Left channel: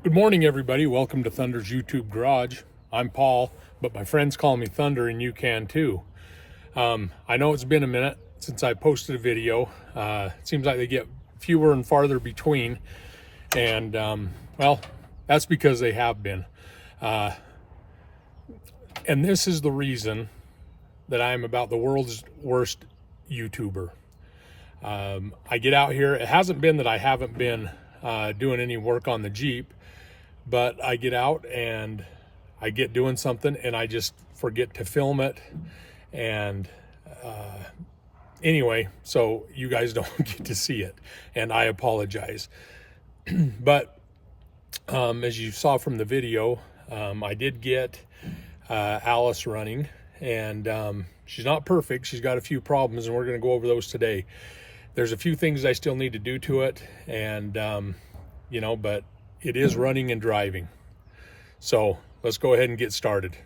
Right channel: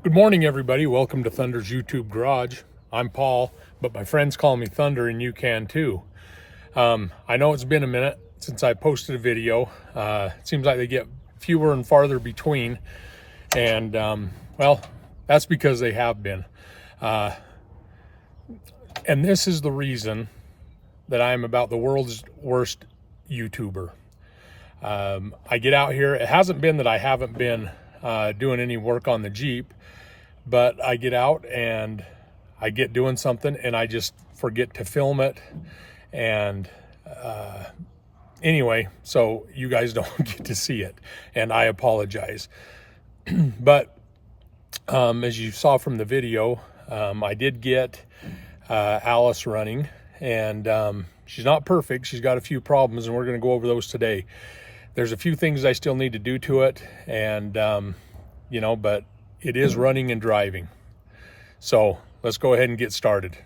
Good morning, everybody. Welcome to Thunder's YouTube Garage. I'm Paul, but my friends call me Thunder, and you can too. I know it's been a minute since I posted a video. It seems like they get fewer and farther between, and well, that's because they have been. And this is the reason that I am about the world's worst YouTuber. I get out here. It hasn't been that I haven't been doing any work on the Jeep, but I get out and I get doing something and I just forget to film it. And anyway, so you guys don't get to see it, and I apologize. But as you saw from the video, I did get Alice running, and she's not perfect. She's got a few problems, and we're going to go over those today. There's a few things I still need to do to it, and you know, but it is running and driving. So let's go ahead and get started.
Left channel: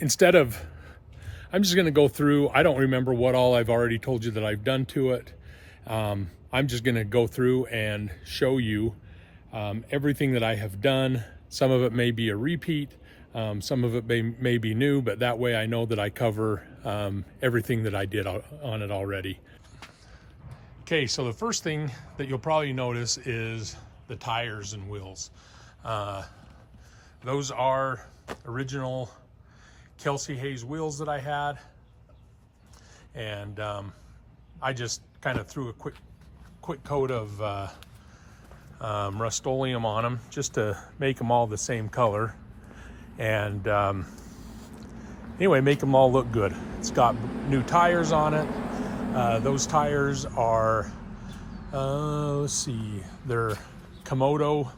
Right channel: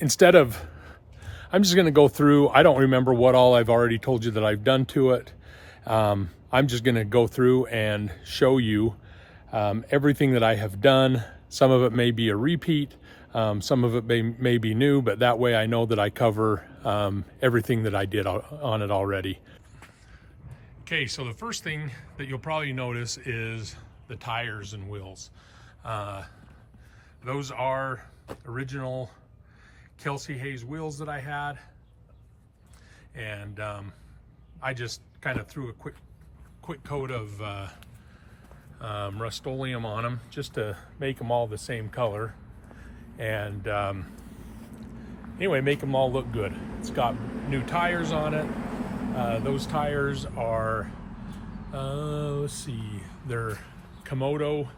Instead of, I'm just going to go through, I don't remember what all I've already told you that I've done to it. I'm just going to go through and show you everything that I have done. Some of it may be a repeat, some of it may be new, but that way I know that I cover everything that I did on it already. Okay, so the first thing that you'll probably notice is the tires and wheels. Those are original Kelsey Hayes wheels that I had, and I just kind of threw a quick coat of Rust-Oleum on them just to make them all the same color, and anyway, make them all look good. It's got new tires on it. Those tires are let's see, they're Komodo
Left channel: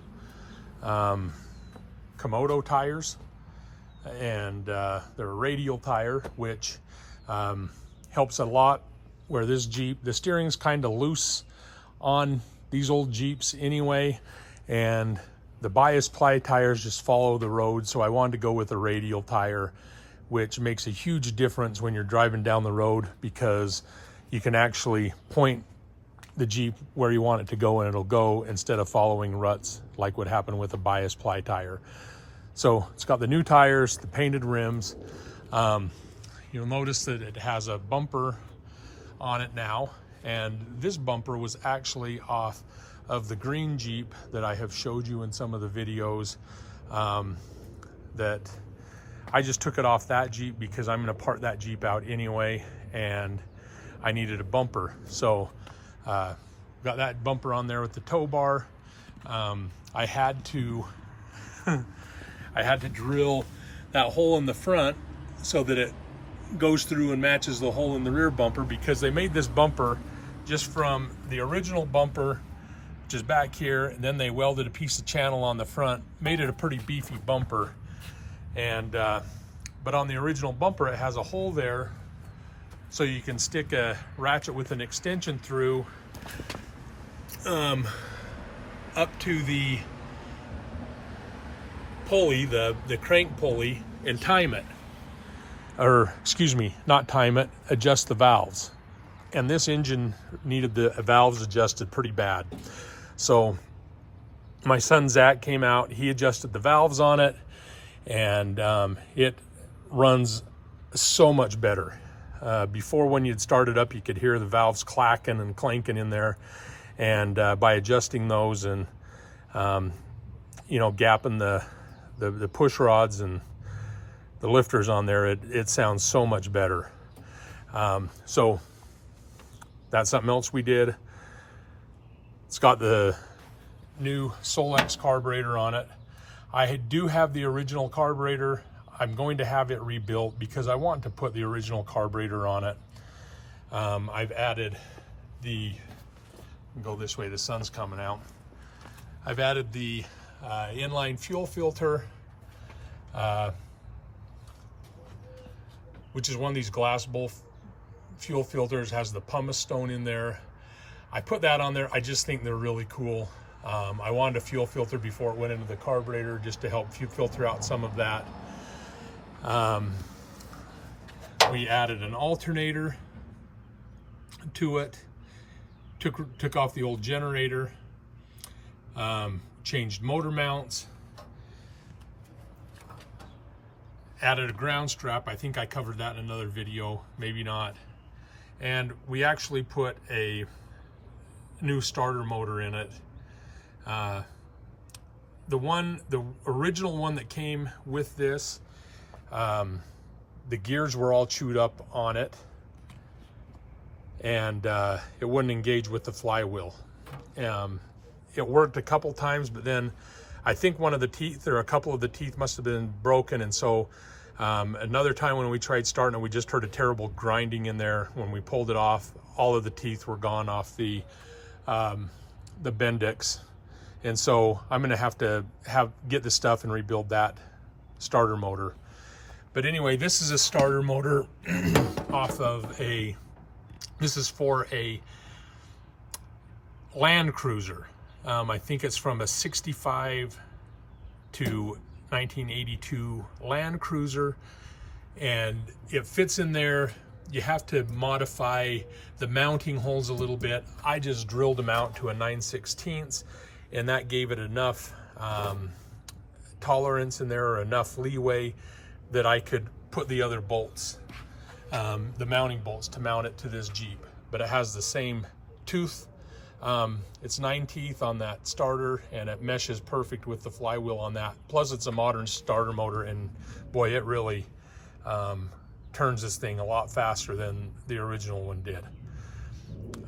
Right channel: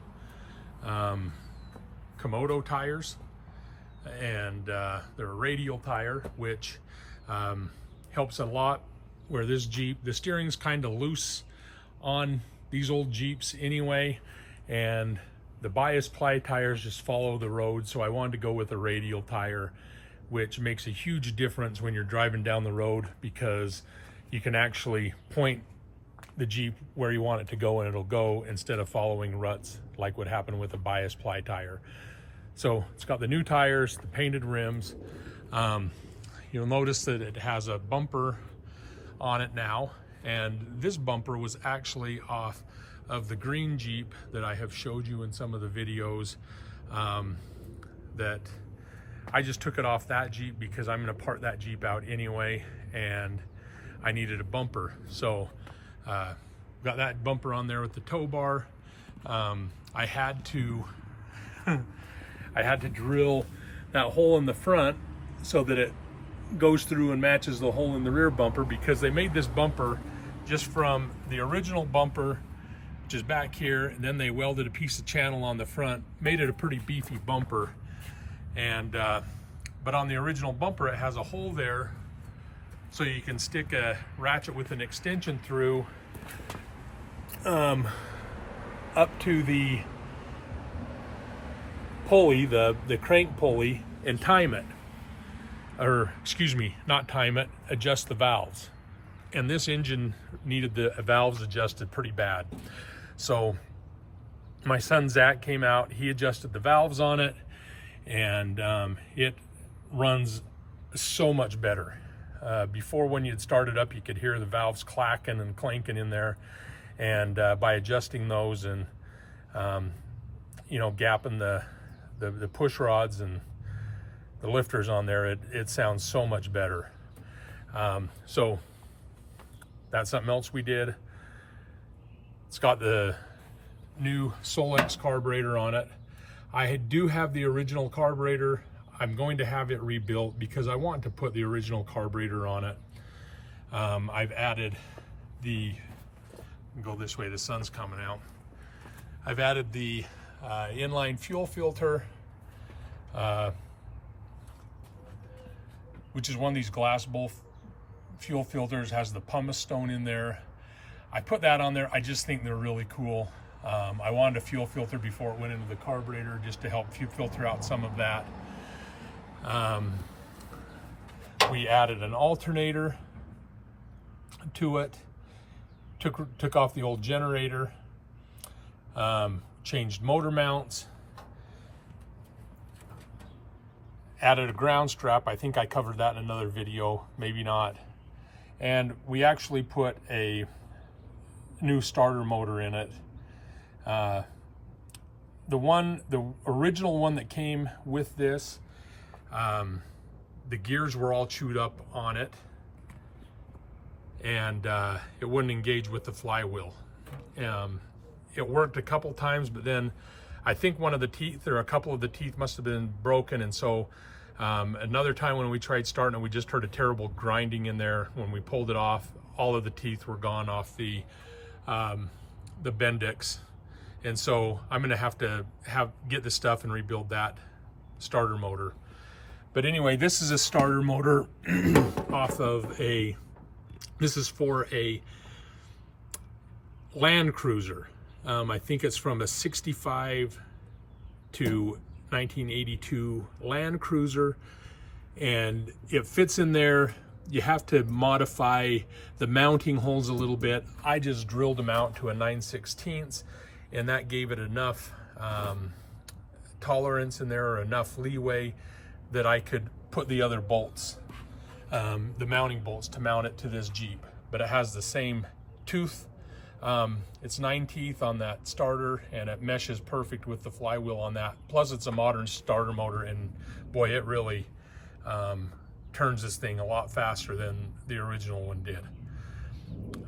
tires, and they're a radial tire, which helps a lot where this Jeep, the steering's kind of loose on these old Jeeps anyway, and the bias ply tires just follow the road, so I wanted to go with a radial tire, which makes a huge difference when you're driving down the road, because you can actually point the Jeep where you want it to go and it'll go, instead of following ruts like what happened with a bias ply tire. So it's got the new tires, the painted rims. You'll notice that it has a bumper on it now, and this bumper was actually off of the green Jeep that I have showed you in some of the videos. That I just took it off that Jeep because I'm going to part that Jeep out anyway, and I needed a bumper. So got that bumper on there with the tow bar. I had to I had to drill that hole in the front so that it goes through and matches the hole in the rear bumper, because they made this bumper just from the original bumper, which is back here, and then they welded a piece of channel on the front, made it a pretty beefy bumper. And but on the original bumper, it has a hole there so you can stick a ratchet with an extension through up to the pulley, the crank pulley, and time it, or excuse me, not time it, adjust the valves. And this engine needed the valves adjusted pretty bad. So my son Zach came out, he adjusted the valves on it, and it runs so much better. Before, when you'd start it up, you could hear the valves clacking and clanking in there, and by adjusting those and you know, gapping the push rods and the lifters on there, it sounds so much better. So that's something else we did. It's got the new Solex carburetor on it. I do have the original carburetor. I'm going to have it rebuilt because I want to put the original carburetor on it. I've added the, go this way, the sun's coming out. I've added the inline fuel filter. which is one of these glass bowl fuel filters, has the pumice stone in there. I put that on there. I just think they're really cool. I wanted a fuel filter before it went into the carburetor just to help filter out some of that. We added an alternator to it, took off the old generator, changed motor mounts, added a ground strap. I think I covered that in another video, maybe not. And we actually put a new starter motor in it. The original one that came with this, the gears were all chewed up on it, and it wouldn't engage with the flywheel. It worked a couple times, but then I think one of the teeth or a couple of the teeth must have been broken, and so another time when we tried starting it, we just heard a terrible grinding in there. When we pulled it off, all of the teeth were gone off the Bendix, and so I'm going to have to get this stuff and rebuild that starter motor. But anyway, this is a starter motor off of this is for a Land Cruiser. I think it's from a 65 to 1982 Land Cruiser, and it fits in there. You have to modify the mounting holes a little bit. I just drilled them out to a 9/16, and that gave it enough tolerance in there, or enough leeway that I could put the other bolts, the mounting bolts, to mount it to this Jeep. But it has the same tooth. It's 9 teeth on that starter, and it meshes perfect with the flywheel on that. Plus it's a modern starter motor, and boy, it really turns this thing a lot faster than the original one did.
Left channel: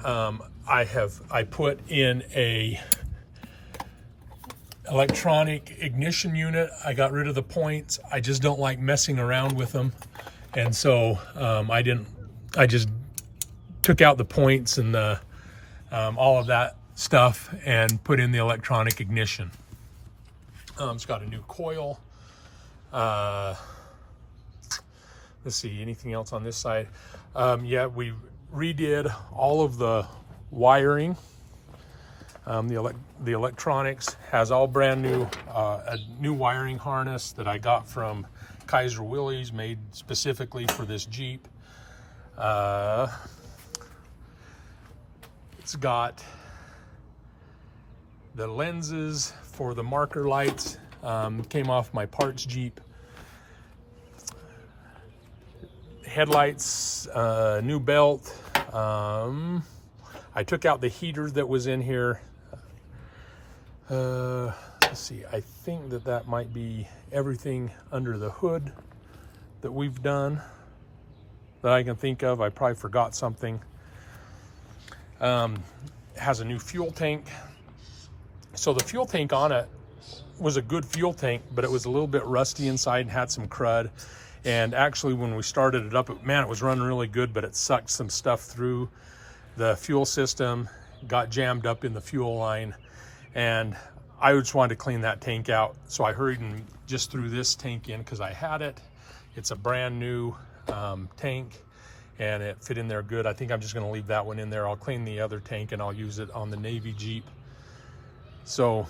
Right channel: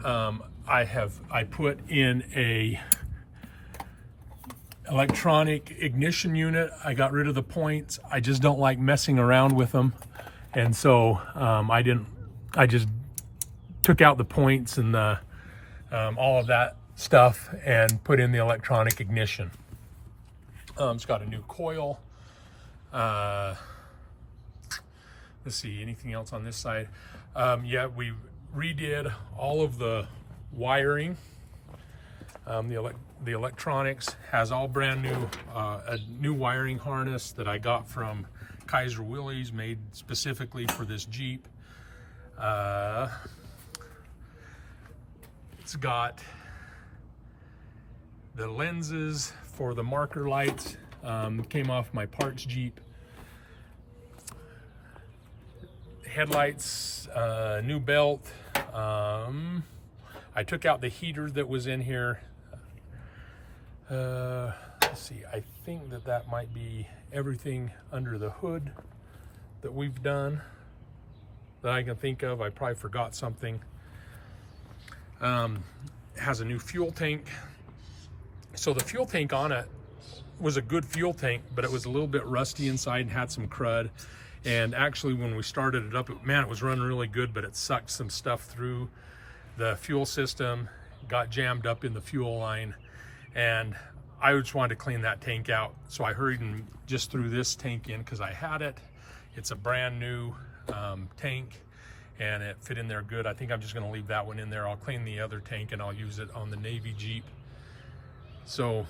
I put in a electronic ignition unit. I got rid of the points. I just don't like messing around with them, and so I just took out the points and the all of that stuff and put in the electronic ignition. It's got a new coil. Let's see, anything else on this side? Yeah, we redid all of the wiring. The electronics has all brand new, a new wiring harness that I got from Kaiser Willys, made specifically for this Jeep. It's got the lenses for the marker lights, came off my parts Jeep. Headlights, new belt. I took out the heater that was in here. Let's see, I think that might be everything under the hood that we've done that I can think of. I probably forgot something. Has a new fuel tank. So the fuel tank on it was a good fuel tank, but it was a little bit rusty inside and had some crud. And actually when we started it up, man, it was running really good, but it sucked some stuff through the fuel system, got jammed up in the fuel line, and I just wanted to clean that tank out. So I hurried and just threw this tank in because I had it. It's a brand new tank, and it fit in there good. I think I'm just gonna leave that one in there. I'll clean the other tank and I'll use it on the Navy Jeep. So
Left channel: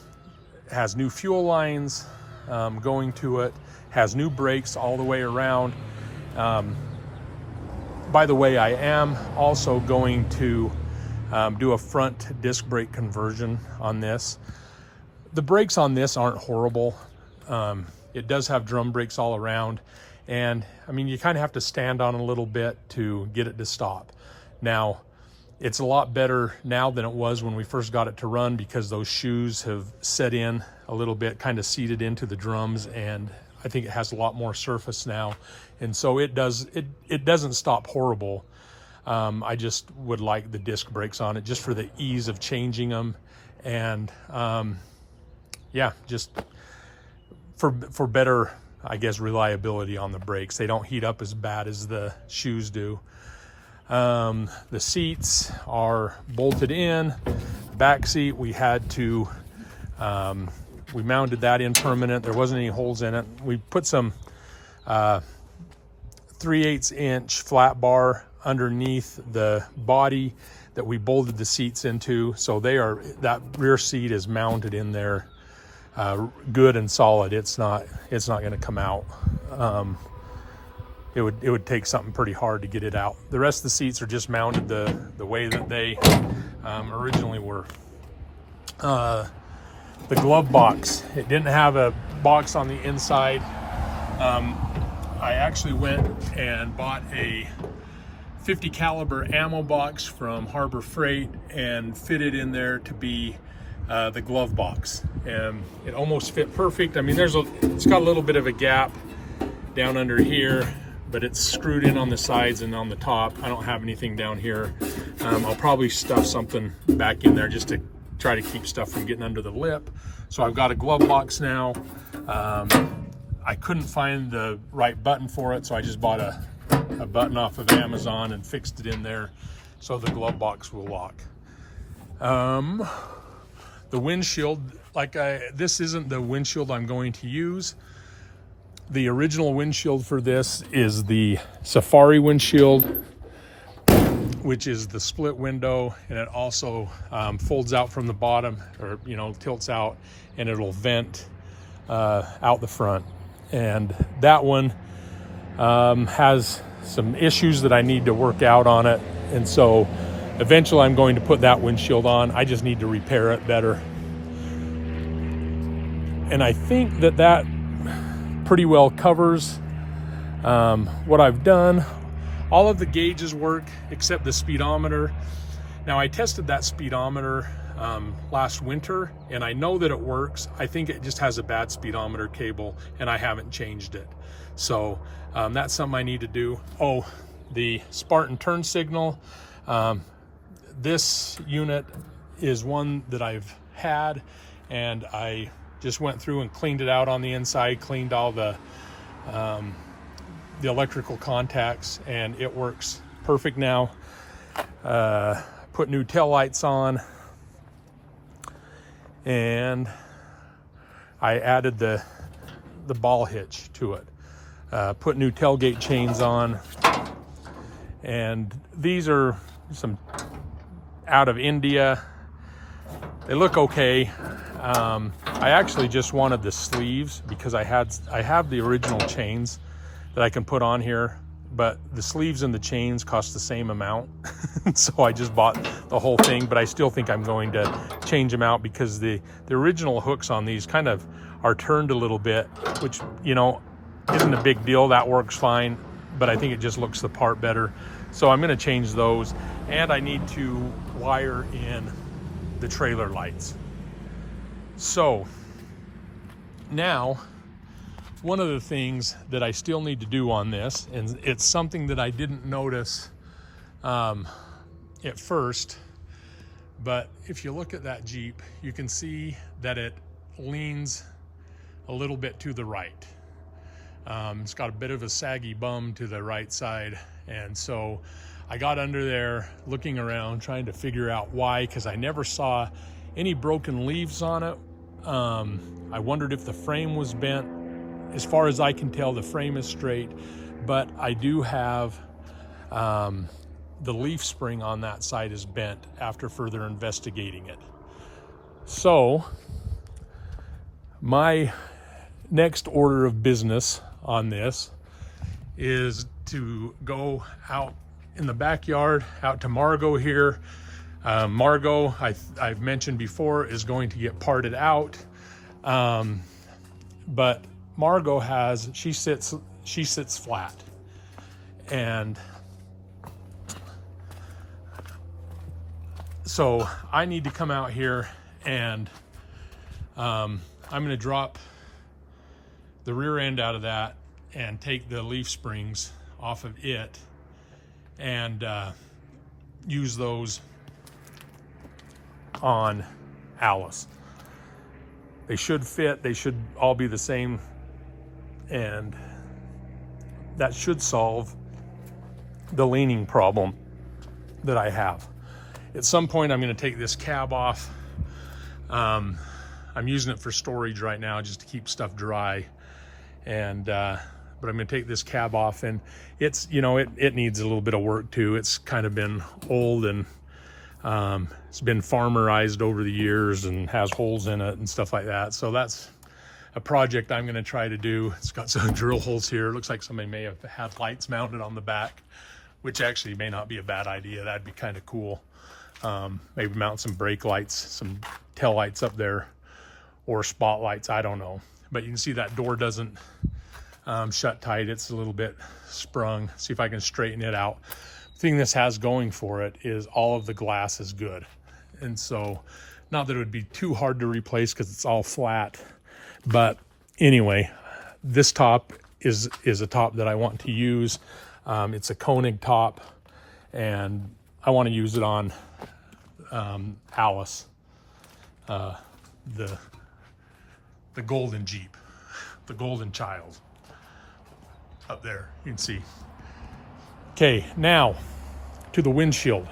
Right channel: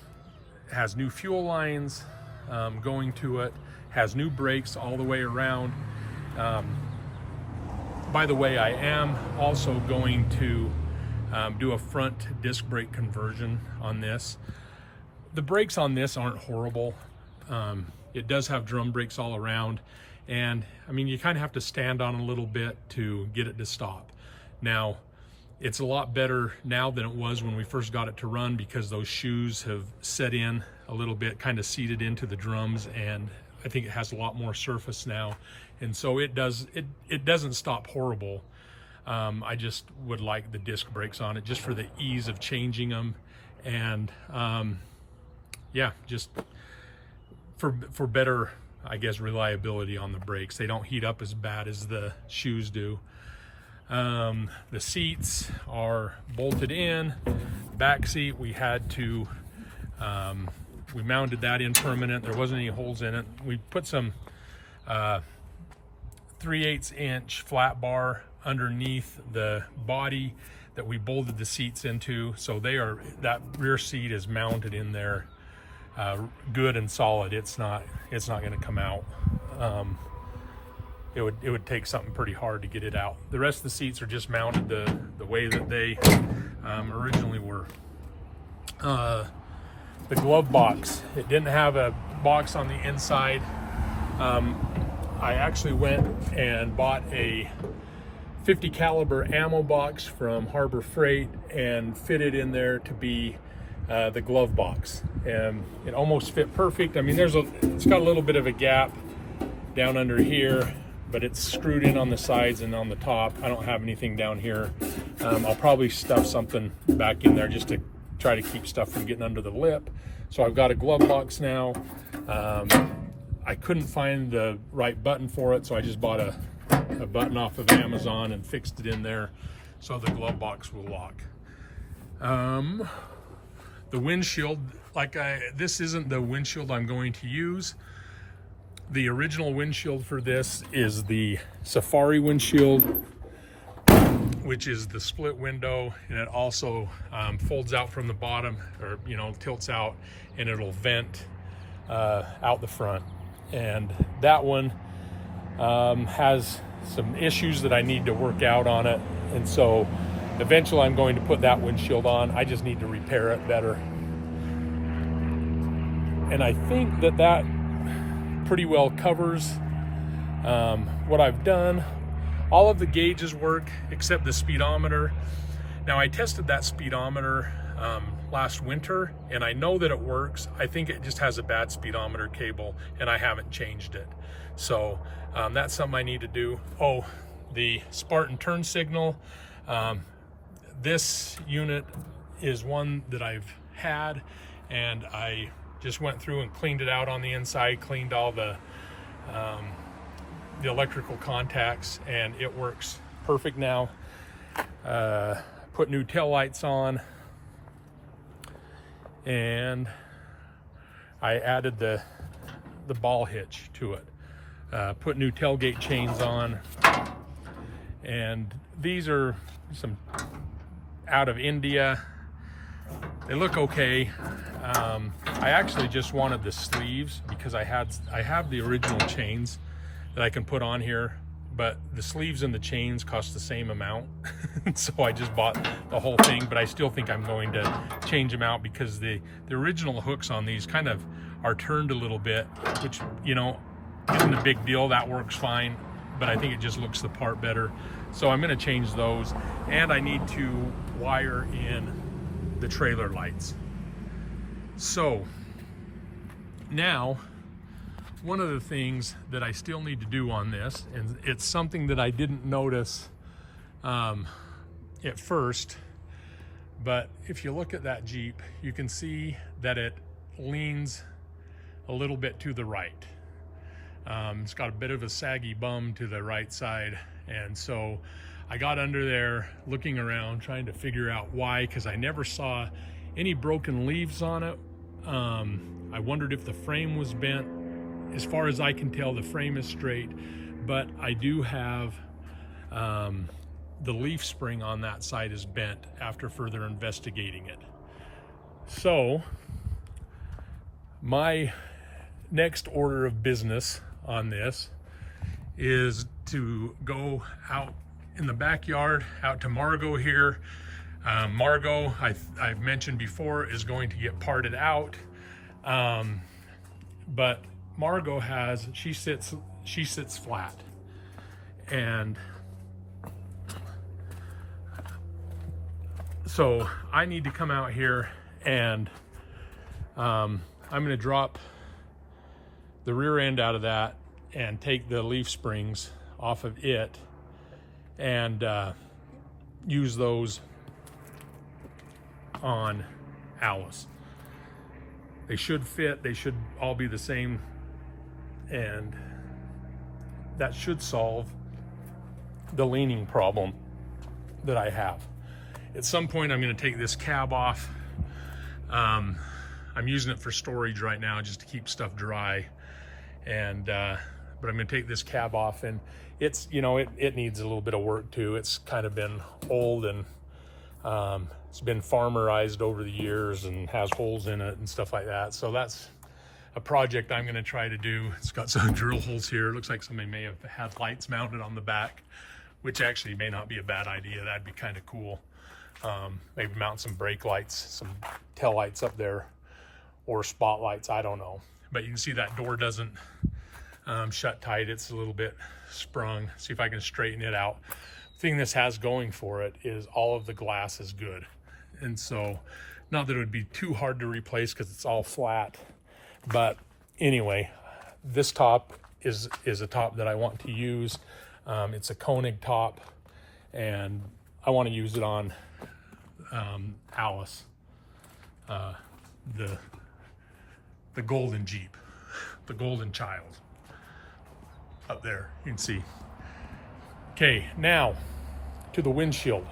it has new fuel lines going to it, has new brakes all the way around. By the way, I am also going to do a front disc brake conversion on this. The brakes on this aren't horrible. It does have drum brakes all around, and I mean, you kind of have to stand on a little bit to get it to stop. Now, it's a lot better now than it was when we first got it to run, because those shoes have set in a little bit, kind of seated into the drums, and I think it has a lot more surface now, and so it doesn't stop horrible. I just would like the disc brakes on it just for the ease of changing them, and yeah, just for better, I guess, reliability on the brakes. They don't heat up as bad as the shoes do. The seats are bolted in. Back seat, we had to we mounted that in permanent. There wasn't any holes in it. We put some 3/8 inch flat bar underneath the body that we bolted the seats into. So that rear seat is mounted in there good and solid. It's not going to come out. It would take something pretty hard to get it out. The rest of the seats are just mounted the way that they originally were. The glove box, it didn't have a box on the inside. I actually went and bought a 50 caliber ammo box from Harbor Freight and fitted in there to be the glove box, and it almost fit perfect. I mean, it's got a little bit of a gap down under here, but it's screwed in on the sides and on the top. I don't have anything down here. I'll probably stuff something back in there just to try to keep stuff from getting under the lip. So I've got a glove box now. I couldn't find the right button for it, so I just bought a button off of Amazon and fixed it in there so the glove box will lock. The windshield, this isn't the windshield I'm going to use. The original windshield for this is the Safari windshield, which is the split window, and it also folds out from the bottom, or tilts out, and it'll vent out the front. And that one has some issues that I need to work out on it, and so eventually I'm going to put that windshield on. I just need to repair it better. And I think that pretty well covers what I've done. All of the gauges work except the speedometer. Now, I tested that speedometer last winter, and I know that it works. I think it just has a bad speedometer cable, and I haven't changed it. So that's something I need to do. Oh, the Spartan turn signal. This unit is one that I've had, and I just went through and cleaned it out on the inside, cleaned all the electrical contacts, and it works perfect now. Put new tail lights on, and I added the ball hitch to it. Put new tailgate chains on, and these are some out of India. They look okay. I actually just wanted the sleeves because I have the original chains that I can put on here, but the sleeves and the chains cost the same amount. So I just bought the whole thing, but I still think I'm going to change them out because the original hooks on these kind of are turned a little bit, which isn't a big deal. That works fine, but I think it just looks the part better. So I'm going to change those, and I need to wire in the trailer lights. So now, one of the things that I still need to do on this, and it's something that I didn't notice at first, but if you look at that Jeep, you can see that it leans a little bit to the right. It's got a bit of a saggy bum to the right side, and so I got under there looking around trying to figure out why, because I never saw any broken leaves on it. I wondered if the frame was bent. As far as I can tell, the frame is straight, but I do have the leaf spring on that side is bent after further investigating it. So my next order of business on this is to go out in the backyard, out to Margot here. Margot, I've mentioned before, is going to get parted out, but Margot she sits flat, and so I need to come out here, and I'm going to drop the rear end out of that and take the leaf springs off of it and use those on Alice. They should fit, they should all be the same, and that should solve the leaning problem that I have. At some point I'm going to take this cab off. I'm using it for storage right now just to keep stuff dry, and but I'm gonna take this cab off, and it's, you know, it needs a little bit of work too. It's kind of been old, and it's been farmerized over the years and has holes in it and stuff like that. So that's a project I'm gonna try to do. It's got some drill holes here. It looks like somebody may have had lights mounted on the back, which actually may not be a bad idea. That'd be kind of cool. Maybe mount some brake lights, some tail lights up there, or spotlights, I don't know. But you can see that door doesn't shut tight. It's a little bit sprung. See if I can straighten it out. The thing this has going for it is all of the glass is good. And so, not that it would be too hard to replace because it's all flat. But anyway, this top is a top that I want to use. It's a Koenig top, and I want to use it on Alice, the golden Jeep, the golden child up there, you can see. Okay, now to the windshield.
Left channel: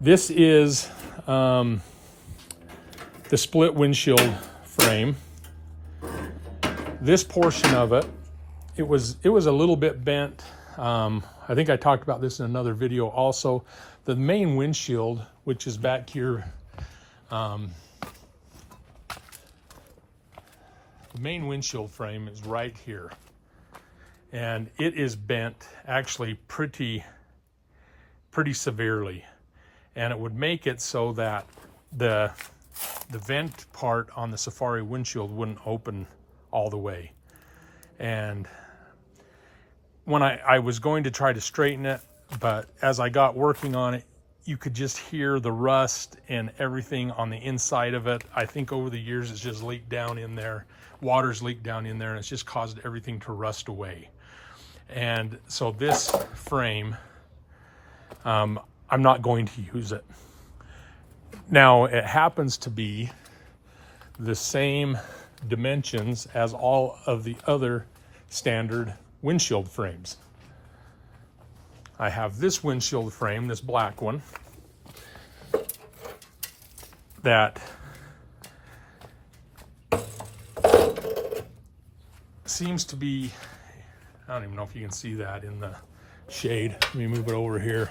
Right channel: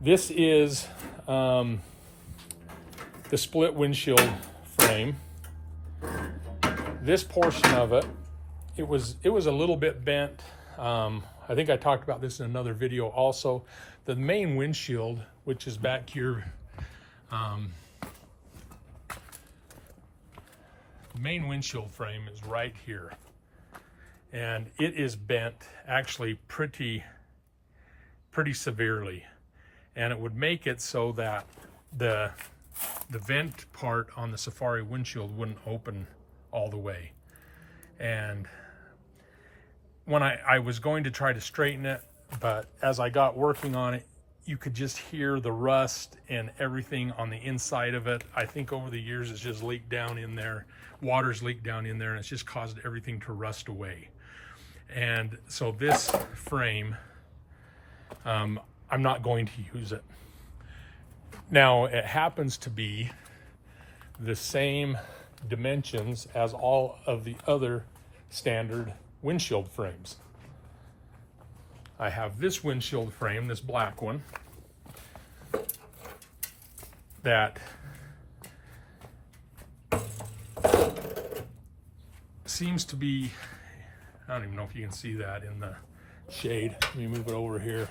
This is the split windshield frame. This portion of it, it was a little bit bent. I think I talked about this in another video also. The main windshield, which is back here, the main windshield frame is right here, and it is bent actually pretty severely, and it would make it so that the vent part on the Safari windshield wouldn't open all the way. And when I was going to try to straighten it, but as I got working on it, you could just hear the rust and everything on the inside of it. I think over the years it's just leaked down in there. Water's leaked down in there, and it's just caused everything to rust away. And so this frame, I'm not going to use it. Now, it happens to be the same dimensions as all of the other standard windshield frames. I have this windshield frame, this black one, that seems to be, I don't even know if you can see that in the shade. Let me move it over here.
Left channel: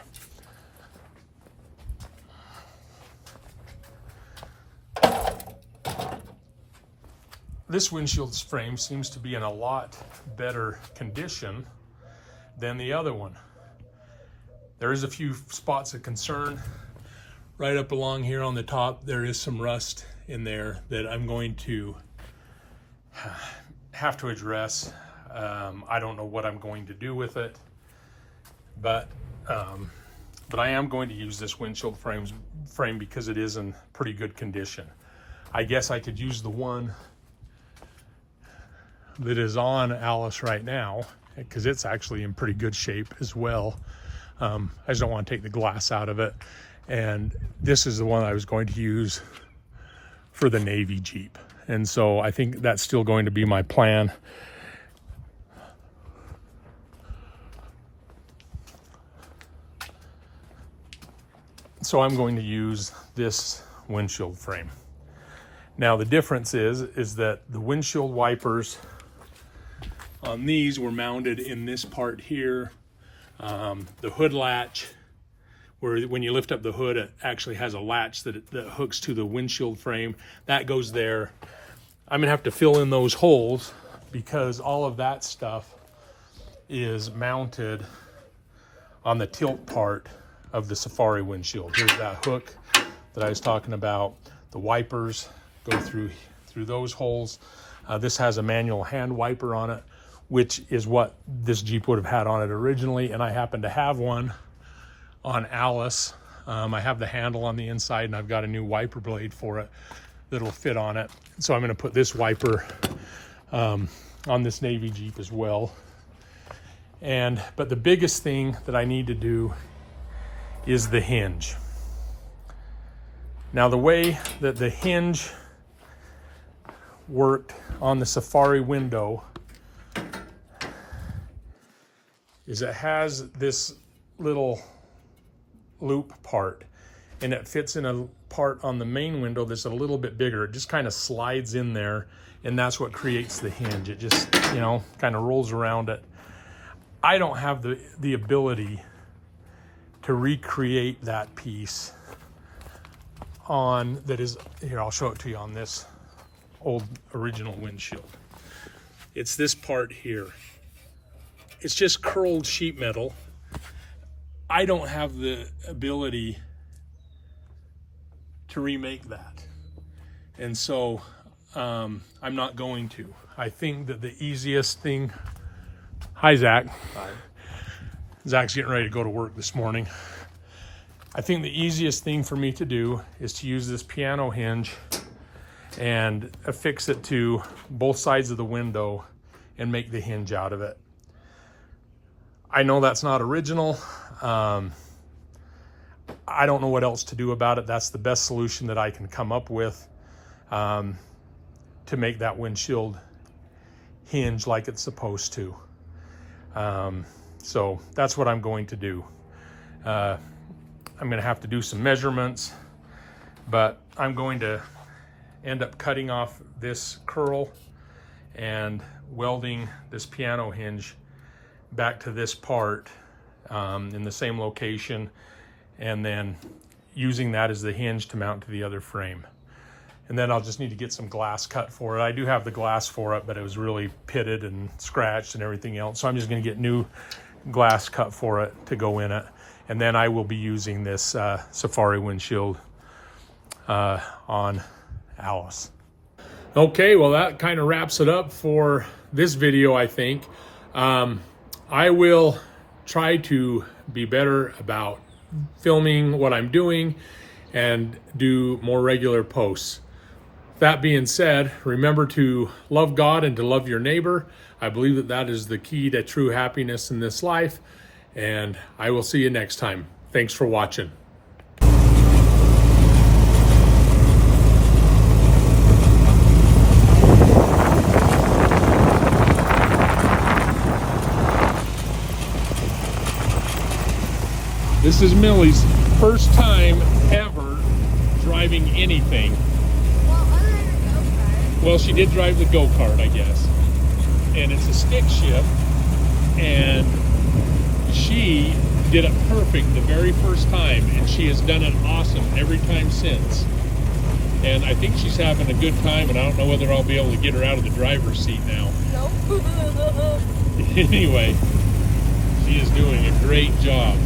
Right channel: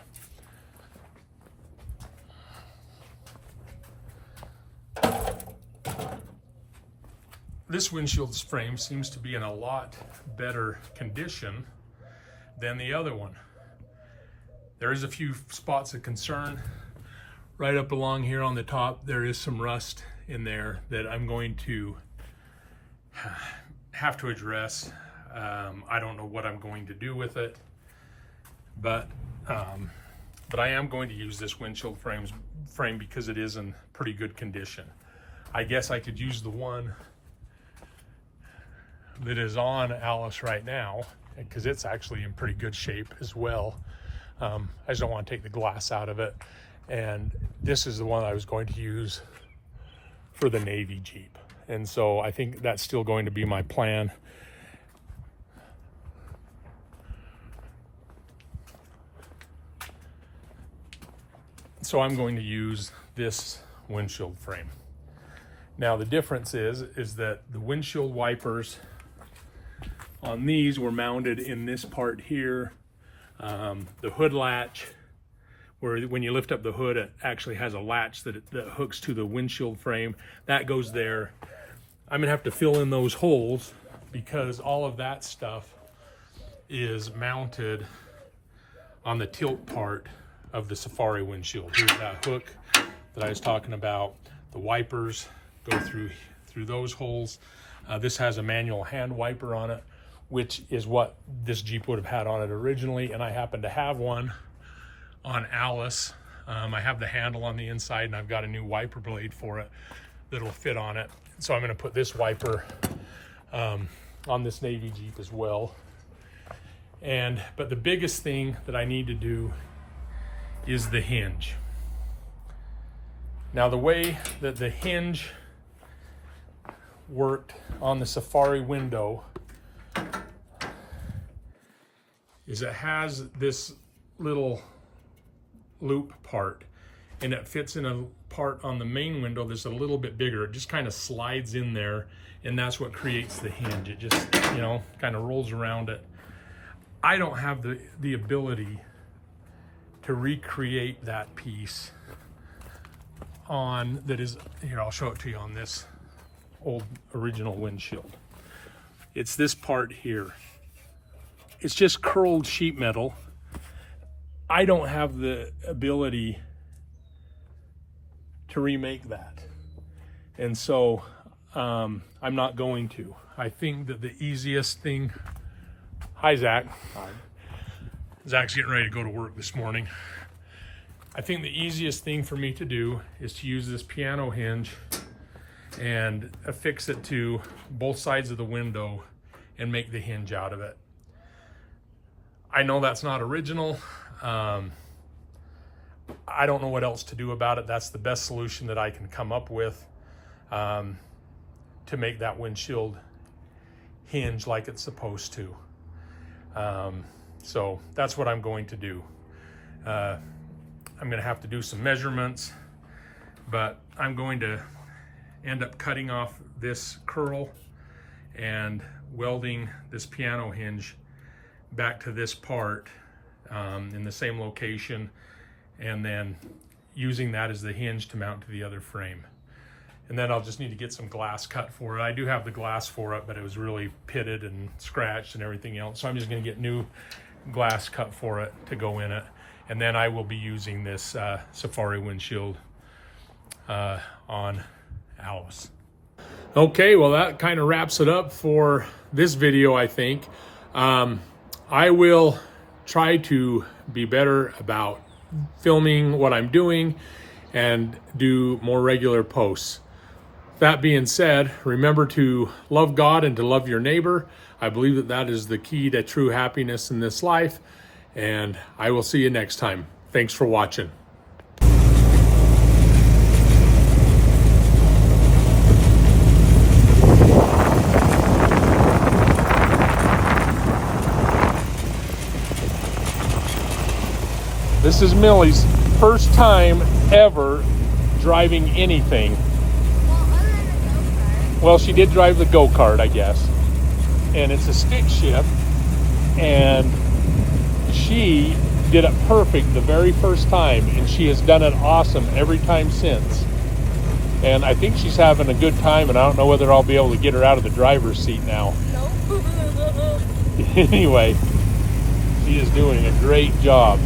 This windshield frame seems to be in a lot better condition than the other one. There is a few spots of concern. Right up along here on the top, there is some rust in there that I'm going to have to address. I don't know what I'm going to do with it, but I am going to use this windshield frame because it is in pretty good condition. I guess I could use the one that is on Alice right now, because it's actually in pretty good shape as well. I just don't want to take the glass out of it. And this is the one I was going to use for the Navy Jeep. And so I think that's still going to be my plan. So I'm going to use this windshield frame. Now the difference is that the windshield wipers on these were mounted in this part here. The hood latch, where when you lift up the hood, it actually has a latch that hooks to the windshield frame. That goes there. I'm gonna have to fill in those holes because all of that stuff is mounted on the tilt part of the Safari windshield. Here's that hook that I was talking about. The wipers go through those holes. This has a manual hand wiper on it, which is what this Jeep would have had on it originally, and I happen to have one on Alice. I have the handle on the inside, and I've got a new wiper blade for it that'll fit on it. So I'm gonna put this wiper on this Navy Jeep as well. But the biggest thing that I need to do is the hinge. Now the way that the hinge worked on the Safari window is it has this little loop part, and it fits in a part on the main window that's a little bit bigger. It just kind of slides in there, and that's what creates the hinge. It just, you know, kind of rolls around it. I don't have the ability to recreate that piece on, that is, here, I'll show it to you on this old original windshield. It's this part here. It's just curled sheet metal. I don't have the ability to remake that. And so I'm not going to. I think that the easiest thing, hi Zach. Hi. Zach's getting ready to go to work this morning. I think the easiest thing for me to do is to use this piano hinge and affix it to both sides of the window and make the hinge out of it. I know that's not original. I don't know what else to do about it. That's the best solution that I can come up with to make that windshield hinge like it's supposed to. So that's what I'm going to do. I'm going to have to do some measurements, but I'm going to end up cutting off this curl and welding this piano hinge back to this part in the same location, and then using that as the hinge to mount to the other frame. And then I'll just need to get some glass cut for it. I do have the glass for it, but it was really pitted and scratched and everything else. So I'm just going to get new glass cut for it to go in it. And then I will be using this Safari windshield on Alice. Okay, well that kind of wraps it up for this video, I think. I will try to be better about filming what I'm doing and do more regular posts. That being said, remember to love God and to love your neighbor. I believe that that is the key to true happiness in this life. And I will see you next time. Thanks for watching. This is Millie's first time ever driving anything. Well, she did drive the go-kart, I guess. And it's a stick shift. And she did it perfect the very first time, and she has done it awesome every time since. And I think she's having a good time, and I don't know whether I'll be able to get her out of the driver's seat now. Nope. Anyway, she is doing a great job.